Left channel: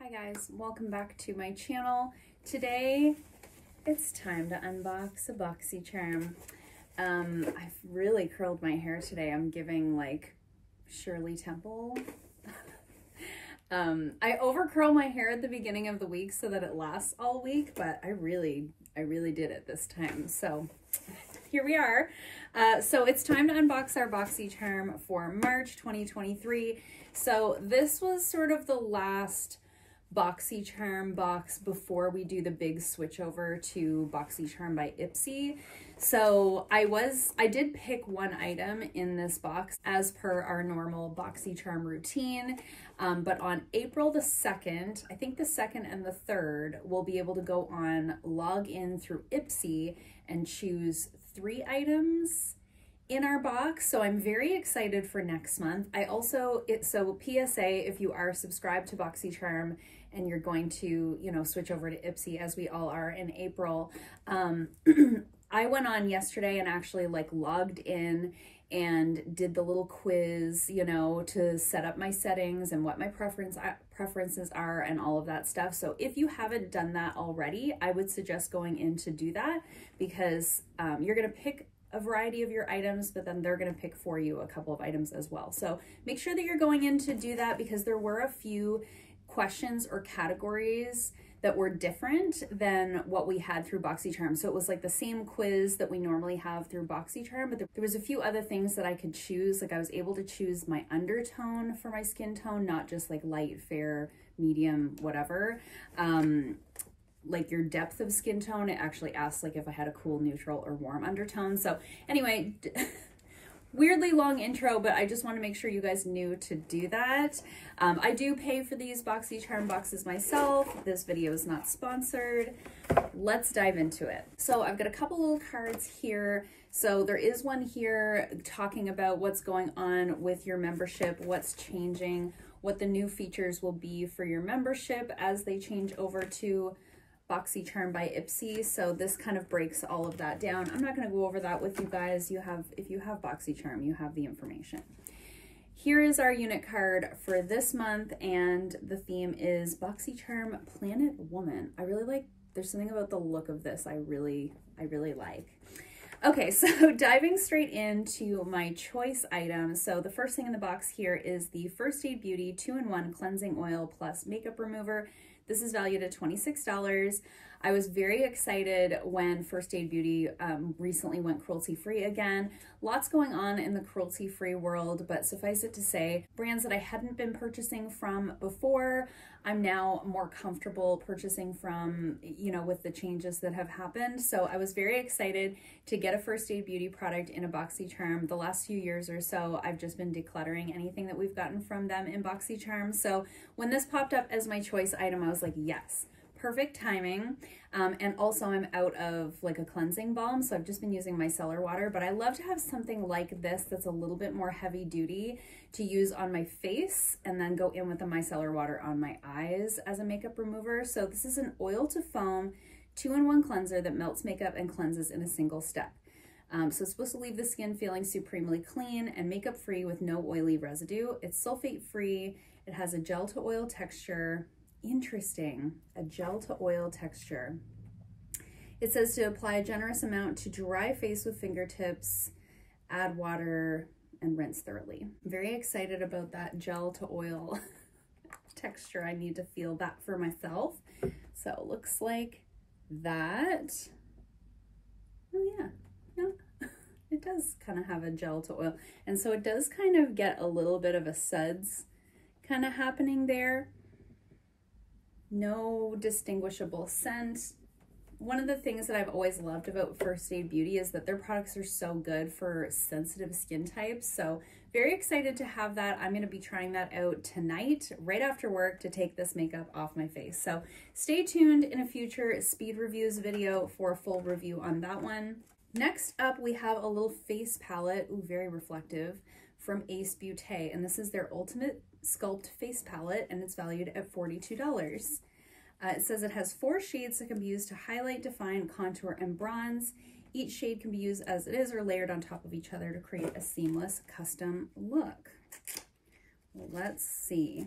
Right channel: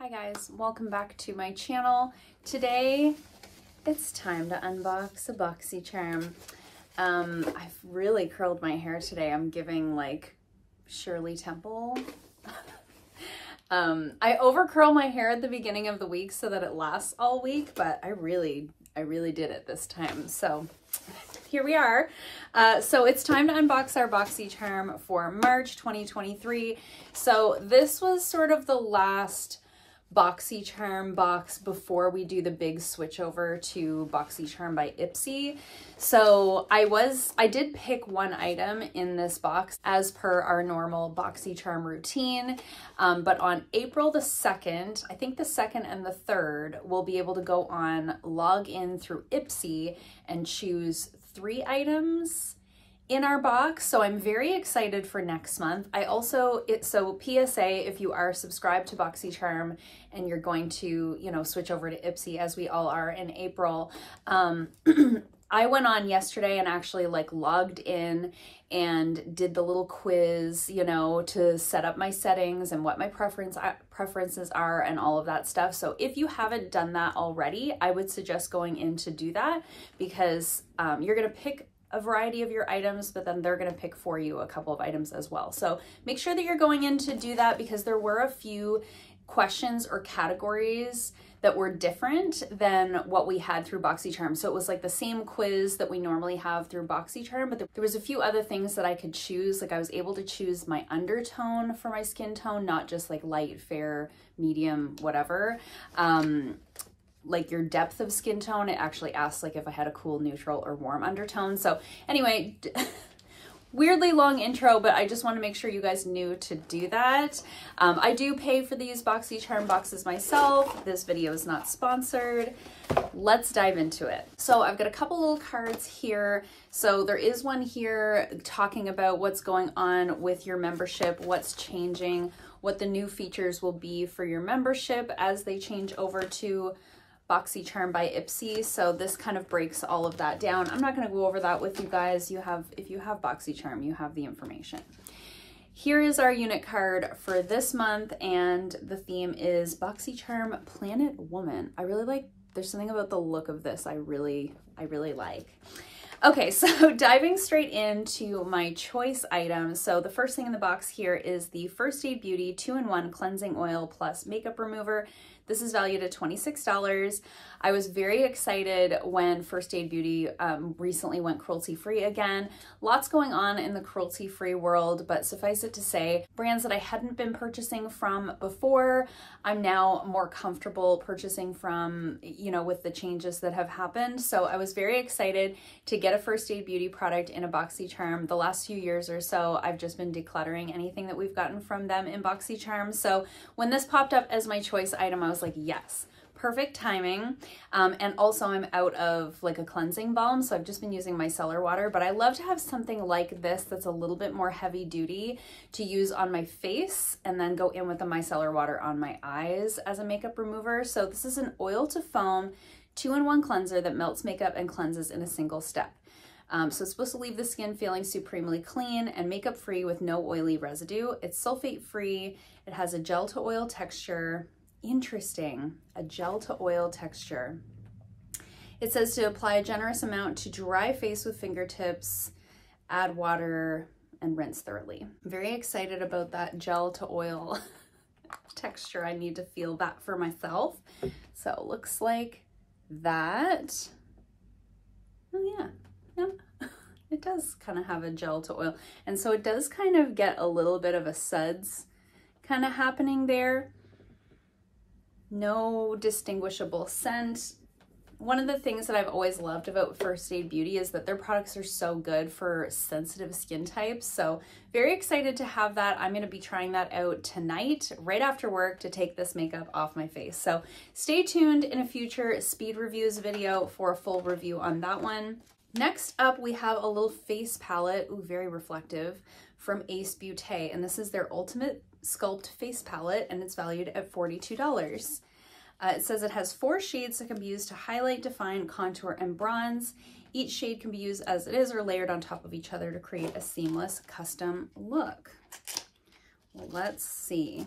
Hi guys, welcome back to my channel. Today it's time to unbox a Boxycharm. I've really curled my hair today. I'm giving like Shirley Temple. I over curl my hair at the beginning of the week so that it lasts all week, but I really did it this time. So here we are. So it's time to unbox our Boxycharm for March 2023. So this was sort of the last Boxycharm box before we do the big switch over to Boxycharm by Ipsy. So I did pick one item in this box as per our normal Boxycharm routine, but on April the 2nd, I think the 2nd and the 3rd, we'll be able to go on, log in through Ipsy and choose 3 items in our box. So I'm very excited for next month. So PSA, if you are subscribed to Boxycharm and you're going to, switch over to Ipsy as we all are in April, I went on yesterday and actually logged in and did the little quiz, to set up my settings and what my preferences are and all of that stuff. So if you haven't done that already, I would suggest going in to do that, because you're going to pick a variety of your items, but then they're going to pick for you a couple of items as well. So make sure that you're going in to do that, because there were a few questions or categories that were different than what we had through Boxycharm. So it was like the same quiz that we normally have through Boxycharm, but there was a few other things that I could choose. Like I was able to choose my undertone for my skin tone, not just like light, fair, medium, whatever. Like your depth of skin tone, it actually asked like if I had a cool, neutral, or warm undertone. So anyway, weirdly long intro, but I just want to make sure you guys knew to do that. I do pay for these Boxycharm boxes myself. This video is not sponsored. Let's dive into it. So I've got a couple little cards here. So there is one here talking about what's going on with your membership, what's changing, what the new features will be for your membership as they change over to Boxycharm by Ipsy. So this kind of breaks all of that down. I'm not going to go over that with you guys. If you have Boxycharm, you have the information. Here is our unit card for this month, and the theme is Boxycharm Planet Woman. There's something about the look of this I really like. Okay, so diving straight into my choice items. So the first thing in the box here is the First Aid Beauty 2-in-1 Cleansing Oil Plus Makeup Remover. This is valued at $26. I was very excited when First Aid Beauty recently went cruelty-free again. Lots going on in the cruelty-free world, but suffice it to say, brands that I hadn't been purchasing from before, I'm now more comfortable purchasing from, with the changes that have happened. So I was very excited to get a First Aid Beauty product in a Boxycharm. The last few years or so, I've just been decluttering anything that we've gotten from them in Boxycharm. So when this popped up as my choice item, I was like, yes, perfect timing. And also I'm out of like a cleansing balm, so I've just been using micellar water, but I love to have something like this that's a little bit more heavy duty to use on my face and then go in with the micellar water on my eyes as a makeup remover. So this is an oil to foam 2-in-1 cleanser that melts makeup and cleanses in a single step. So it's supposed to leave the skin feeling supremely clean and makeup free with no oily residue. It's sulfate free. It has a gel to oil texture. Interesting, a gel to oil texture. It says to apply a generous amount to dry face with fingertips, add water, and rinse thoroughly. I'm very excited about that gel to oil texture. I need to feel that for myself. So it looks like that. Oh yeah, it does kind of have a gel to oil. And so it does kind of get a little bit of a suds kind of happening there. No distinguishable scent. One of the things that I've always loved about First Aid Beauty is that their products are so good for sensitive skin types. So very excited to have that. I'm going to be trying that out tonight, right after work, to take this makeup off my face. So stay tuned in a future speed reviews video for a full review on that one. Next up, we have a little face palette, ooh, very reflective, from Beaute, and this is their Ultimate Sculpt Face Palette, and it's valued at $42. It says it has 4 shades that can be used to highlight, define, contour, and bronze. Each shade can be used as it is or layered on top of each other to create a seamless custom look. Well, let's see.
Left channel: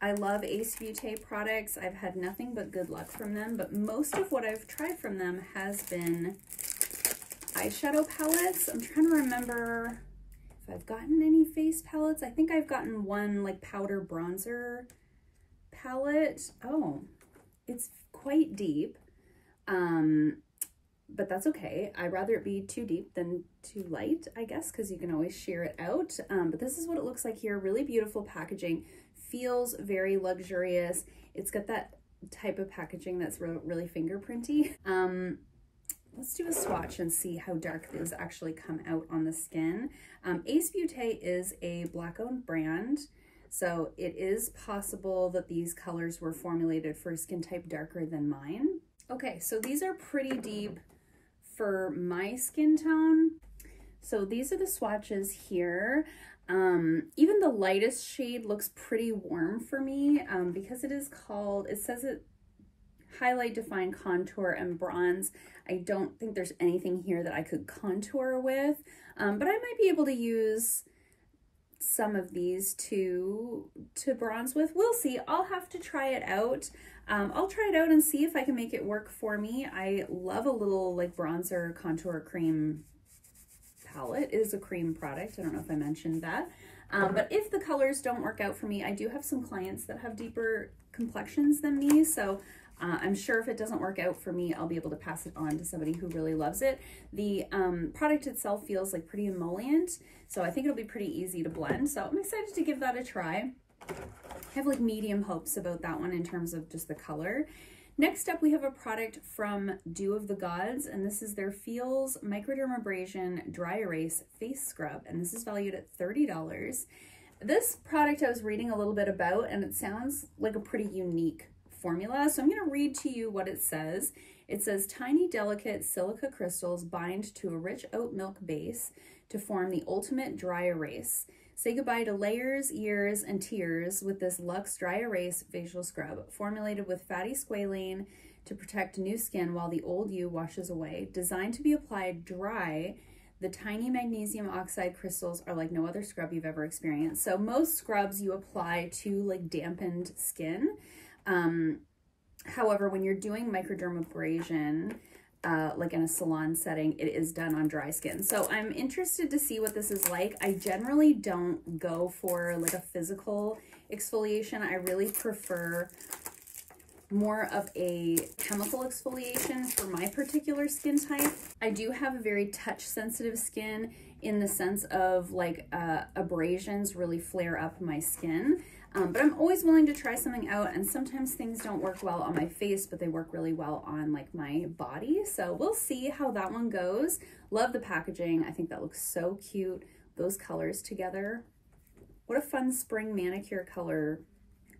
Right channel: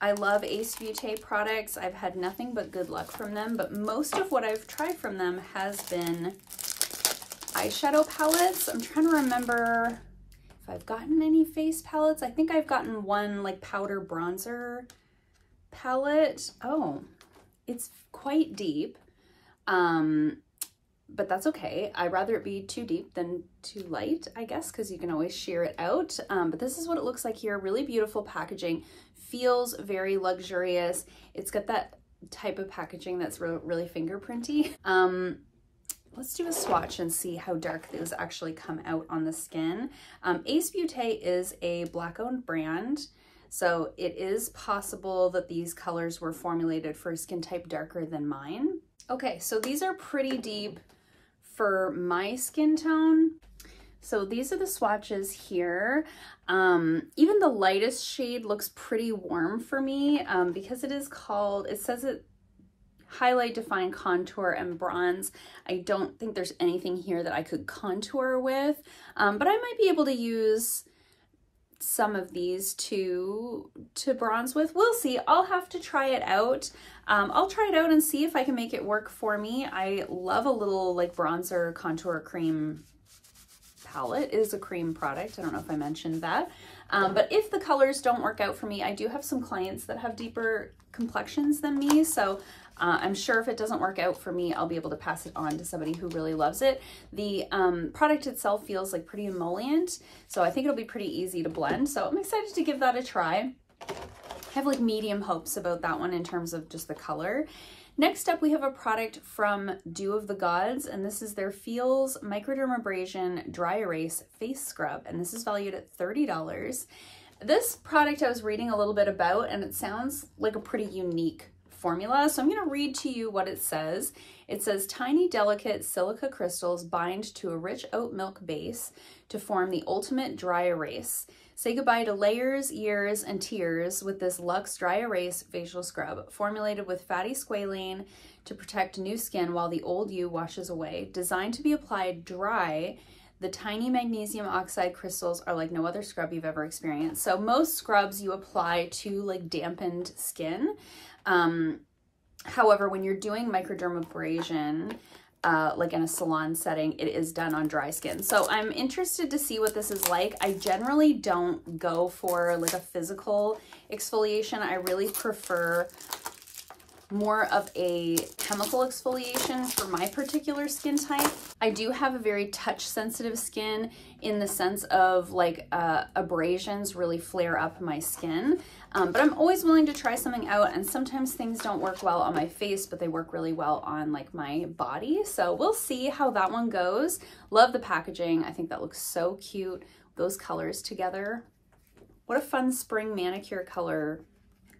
I love Ace Beaute products. I've had nothing but good luck from them, but most of what I've tried from them has been eyeshadow palettes. I'm trying to remember if I've gotten any face palettes. I think I've gotten one like powder bronzer palette. Oh, it's quite deep, but that's okay. I'd rather it be too deep than too light, I guess, because you can always sheer it out. But this is what it looks like here. Really beautiful packaging. Feels very luxurious. It's got that type of packaging that's really fingerprinty. Let's do a swatch and see how dark these actually come out on the skin. Ace Beaute is a Black-owned brand, so it is possible that these colors were formulated for a skin type darker than mine. Okay, so these are pretty deep for my skin tone. So these are the swatches here. Even the lightest shade looks pretty warm for me because it is called, it says it highlight, define, contour, and bronze. I don't think there's anything here that I could contour with, but I might be able to use some of these to bronze with. We'll see. I'll have to try it out. I'll try it out and see if I can make it work for me. I love a little like bronzer contour cream palette. It is a cream product. I don't know if I mentioned that. But if the colors don't work out for me, I do have some clients that have deeper complexions than me. So I'm sure if it doesn't work out for me, I'll be able to pass it on to somebody who really loves it. The product itself feels like pretty emollient, so I think it'll be pretty easy to blend. So I'm excited to give that a try. I have like medium hopes about that one in terms of just the color. Next up, we have a product from Dew of the Gods, and this is their Feels Microdermabrasion Dry Erase Face Scrub, and this is valued at $30. This product I was reading a little bit about, and it sounds like a pretty unique formula. So I'm going to read to you what it says. It says, tiny delicate silica crystals bind to a rich oat milk base to form the ultimate dry erase. Say goodbye to layers, years, and tears with this Luxe Dry Erase Facial Scrub, formulated with fatty squalane to protect new skin while the old you washes away. Designed to be applied dry, the tiny magnesium oxide crystals are like no other scrub you've ever experienced. So most scrubs you apply to like dampened skin. However, when you're doing microdermabrasion, like in a salon setting, it is done on dry skin. So I'm interested to see what this is like. I generally don't go for like a physical exfoliation. I really prefer more of a chemical exfoliation for my particular skin type. I do have a very touch sensitive skin in the sense of like abrasions really flare up my skin. But I'm always willing to try something out, and sometimes things don't work well on my face, but they work really well on like my body. So we'll see how that one goes. Love the packaging. I think that looks so cute. Those colors together. What a fun spring manicure color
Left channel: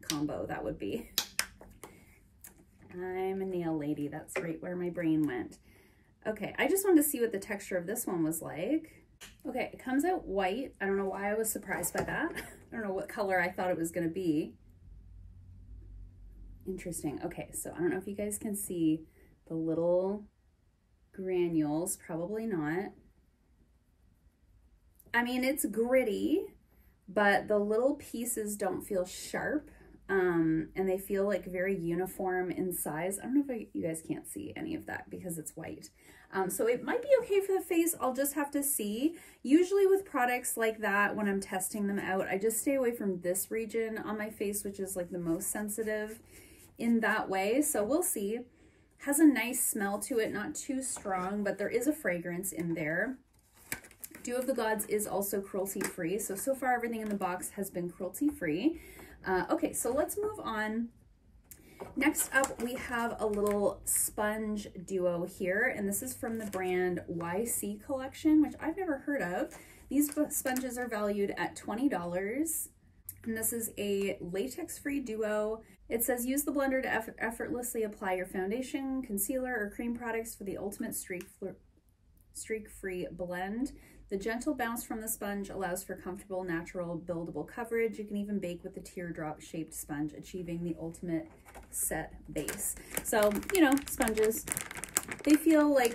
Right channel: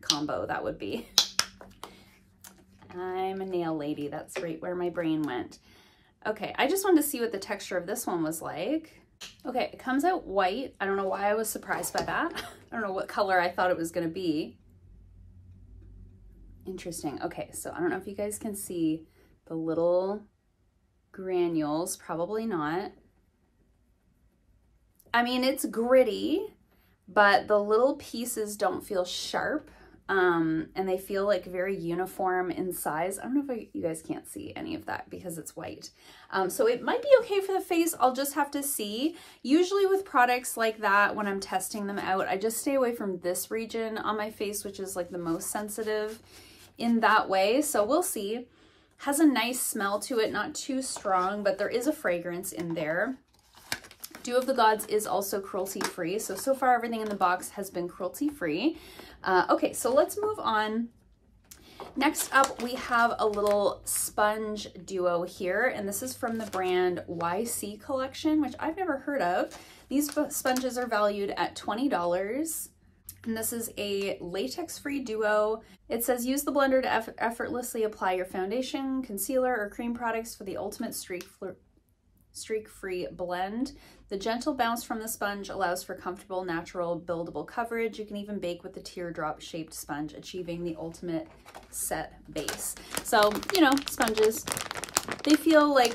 combo that would be. I'm a nail lady. That's right where my brain went. Okay, I just wanted to see what the texture of this one was like. Okay, it comes out white. I don't know why I was surprised by that. I don't know what color I thought it was going to be. Interesting. Okay, so I don't know if you guys can see the little granules. Probably not. I mean, it's gritty, but the little pieces don't feel sharp. And they feel like very uniform in size. I don't know if you guys can't see any of that because it's white. So it might be okay for the face. I'll just have to see. Usually with products like that, when I'm testing them out, I just stay away from this region on my face, which is like the most sensitive in that way. So we'll see. Has a nice smell to it, not too strong, but there is a fragrance in there. Dew of the Gods is also cruelty-free. So far everything in the box has been cruelty-free. Okay, so let's move on. Next up, we have a little sponge duo here, and this is from the brand YC Collection, which I've never heard of. These sponges are valued at $20, and this is a latex-free duo. It says, use the blender to effortlessly apply your foundation, concealer, or cream products for the ultimate streak-free blend. The gentle bounce from the sponge allows for comfortable, natural, buildable coverage. You can even bake with the teardrop-shaped sponge, achieving the ultimate set base. So, you know, sponges, they feel like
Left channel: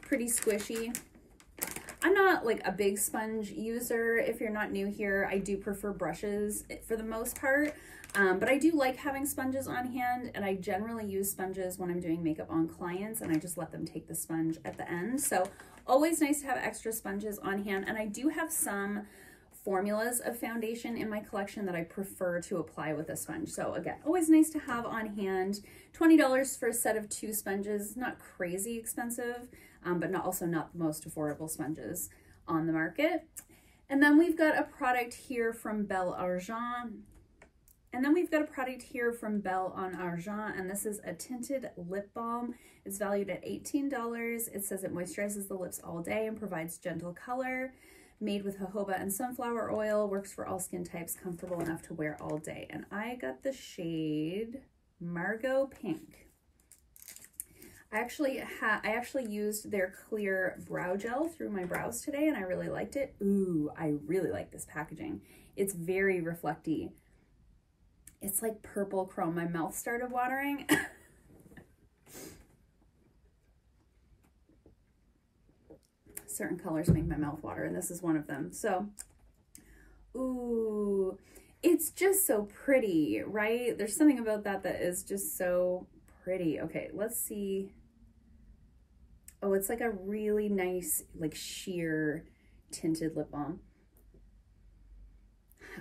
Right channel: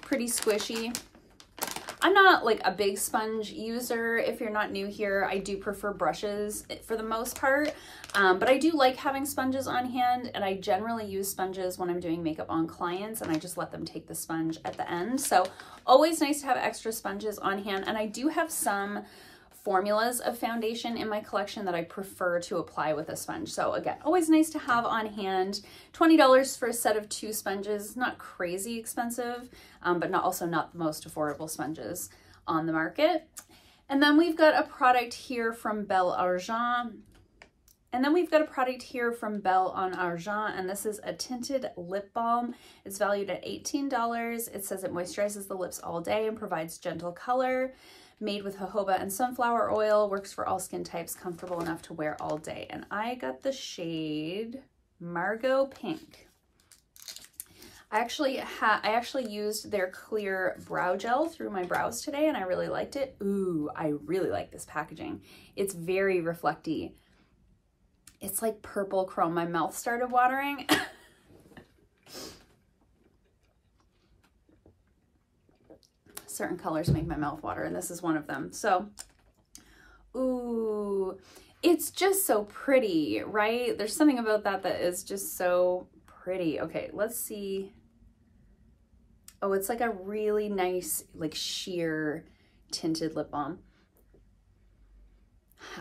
pretty squishy. I'm not like a big sponge user. If you're not new here, I do prefer brushes for the most part, but I do like having sponges on hand, and I generally use sponges when I'm doing makeup on clients, and I just let them take the sponge at the end. So always nice to have extra sponges on hand, and I do have some formulas of foundation in my collection that I prefer to apply with a sponge. So again, always nice to have on hand. $20 for a set of 2 sponges, not crazy expensive, but also not the most affordable sponges on the market. And then we've got a product here from Belle Argent. And then we've got a product here from Belle on Argent, and this is a tinted lip balm. It's valued at $18. It says it moisturizes the lips all day and provides gentle color. Made with jojoba and sunflower oil, works for all skin types, comfortable enough to wear all day. And I got the shade Margot Pink. I actually used their clear brow gel through my brows today, and I really liked it. Ooh, I really like this packaging. It's very reflecty. It's like purple chrome. My mouth started watering. Certain colors make my mouth water, and this is one of them. So, ooh, it's just so pretty, right? There's something about that that is just so pretty. Okay, let's see. Oh, it's like a really nice, like sheer tinted lip balm.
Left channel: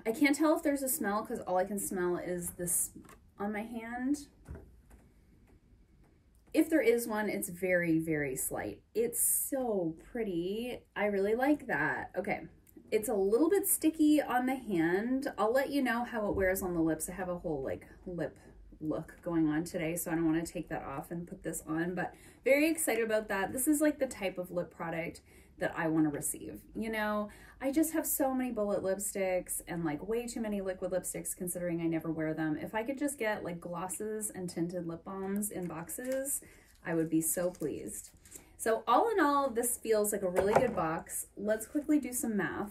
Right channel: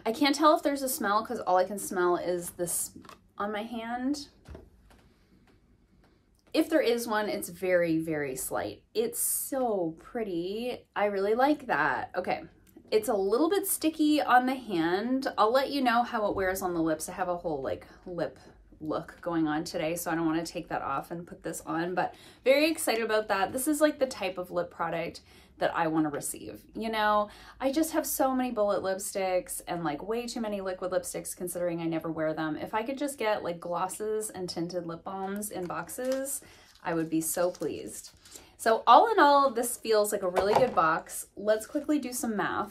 I can't tell if there's a smell because all I can smell is this on my hand. If there is one, it's very, very slight. It's so pretty. I really like that. Okay, it's a little bit sticky on the hand. I'll let you know how it wears on the lips. I have a whole like lip look going on today, so I don't want to take that off and put this on, but very excited about that. This is like the type of lip product that I want to receive. You know, I just have so many bullet lipsticks and like way too many liquid lipsticks considering I never wear them. If I could just get like glosses and tinted lip balms in boxes, I would be so pleased. So all in all, this feels like a really good box. Let's quickly do some math.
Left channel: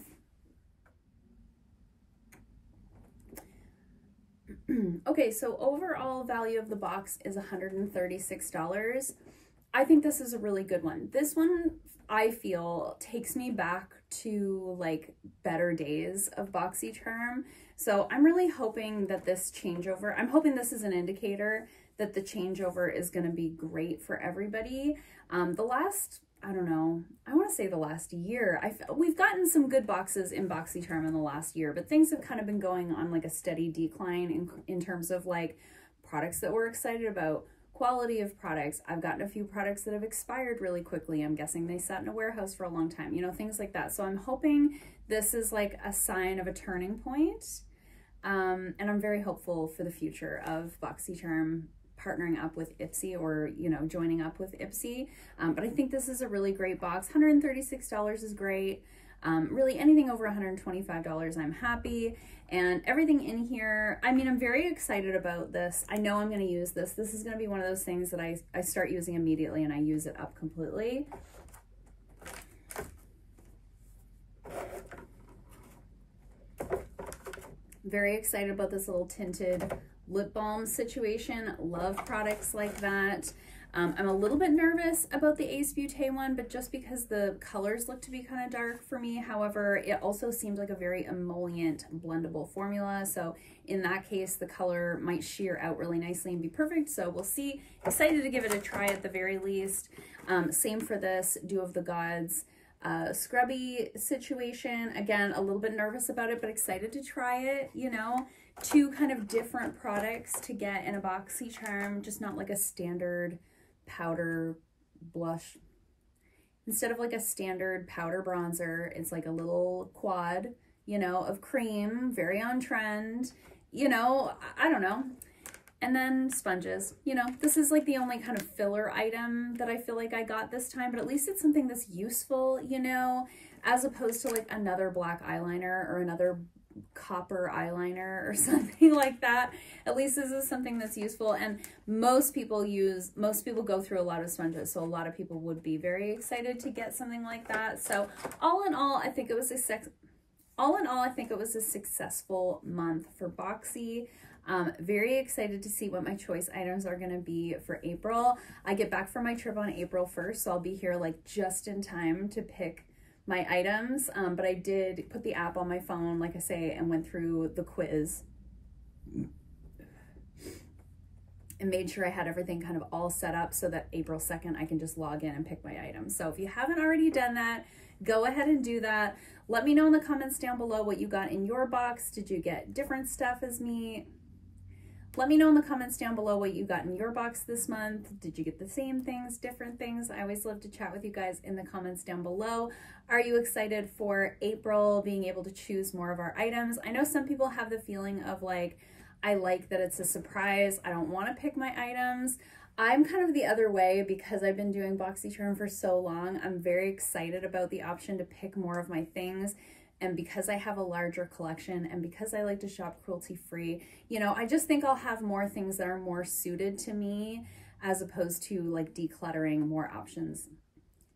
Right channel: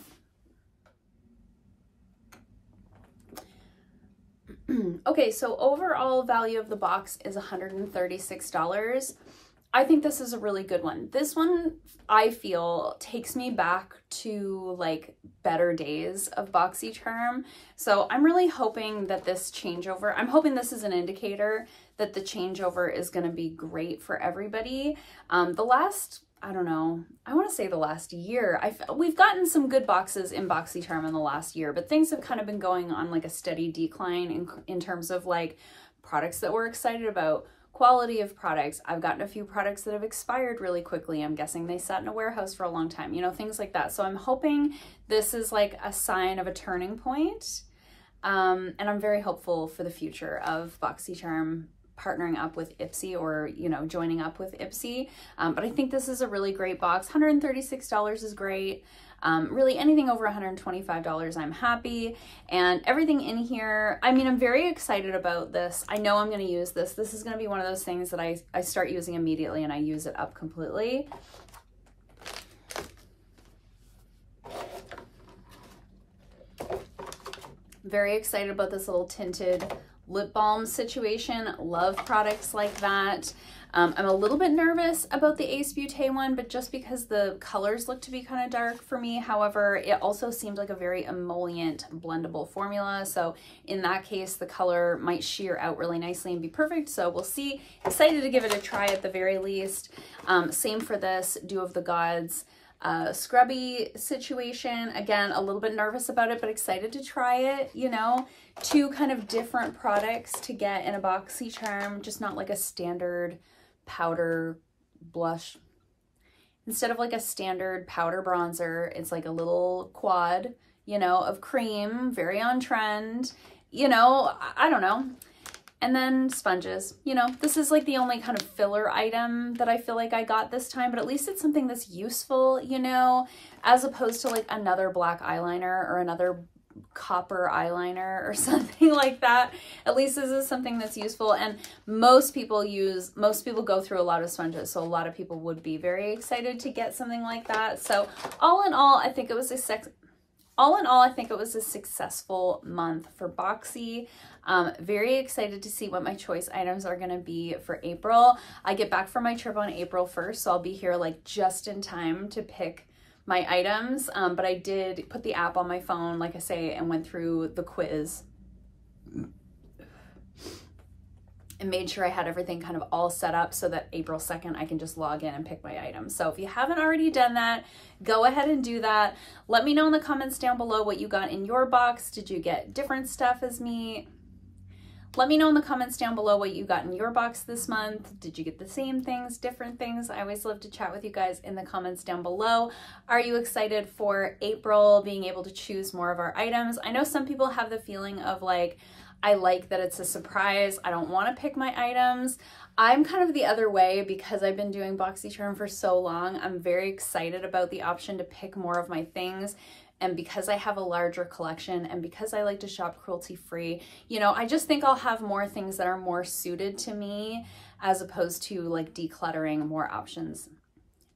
Okay, so overall value of the box is $136. I think this is a really good one. This one, I feel, takes me back to like better days of Boxycharm. So I'm really hoping that this changeover, I'm hoping this is an indicator that the changeover is going to be great for everybody. The last, I don't know, I want to say the last year, we've gotten some good boxes in Boxycharm in the last year, but things have kind of been going on like a steady decline in terms of like products that we're excited about. Quality of products. I've gotten a few products that have expired really quickly. I'm guessing they sat in a warehouse for a long time, you know, things like that. So I'm hoping this is like a sign of a turning point. And I'm very hopeful for the future of Boxycharm partnering up with Ipsy or, you know, joining up with Ipsy. But I think this is a really great box. $136 is great. Really anything over $125, I'm happy. And everything in here, I mean, I'm very excited about this. I know I'm going to use this. This is going to be one of those things that I start using immediately and I use it up completely. Very excited about this little tinted lip balm situation. Love products like that. I'm a little bit nervous about the Ace Beaute one, but just because the colors look to be kind of dark for me. However, it also seemed like a very emollient blendable formula. So in that case, the color might sheer out really nicely and be perfect. So we'll see. Excited to give it a try at the very least. Same for this Dew of the Gods scrubby situation. Again, a little bit nervous about it, but excited to try it, you know. 2 kind of different products to get in a Boxycharm, just not like a standard powder blush. Instead of like a standard powder bronzer, it's like a little quad, you know, of cream, very on trend, you know, I don't know. And then sponges, you know, this is like the only kind of filler item that I feel like I got this time, but at least it's something that's useful, you know, as opposed to like another black eyeliner or another copper eyeliner or something like that. At least this is something that's useful, and most people go through a lot of sponges, so a lot of people would be very excited to get something like that. So all in all, I think it was a successful month for Boxy. Very excited to see what my choice items are going to be for April. I get back from my trip on April 1st, so I'll be here like just in time to pick my items, but I did put the app on my phone, like I say, and went through the quiz and made sure I had everything kind of all set up so that April 2nd I can just log in and pick my items. So if you haven't already done that, go ahead and do that. Let me know in the comments down below what you got in your box. Did you get different stuff as me? Let me know in the comments down below what you got in your box this month. Did you get the same things, different things? I always love to chat with you guys in the comments down below. Are you excited for April, being able to choose more of our items? I know some people have the feeling of like, I like that it's a surprise. I don't want to pick my items. I'm kind of the other way because I've been doing Boxycharm for so long. I'm very excited about the option to pick more of my things. And because I have a larger collection and because I like to shop cruelty-free, you know, I just think I'll have more things that are more suited to me as opposed to like decluttering more options,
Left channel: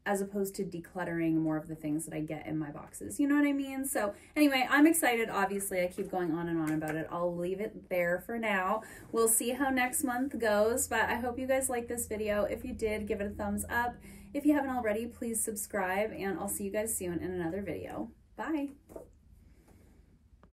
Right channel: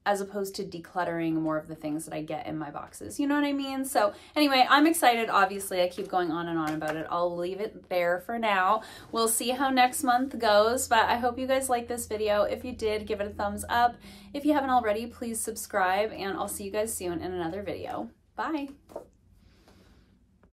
as opposed to decluttering more of the things that I get in my boxes. You know what I mean? So anyway, I'm excited. Obviously, I keep going on and on about it. I'll leave it there for now. We'll see how next month goes, but I hope you guys liked this video. If you did, give it a thumbs up. If you haven't already, please subscribe, and I'll see you guys soon in another video. Bye.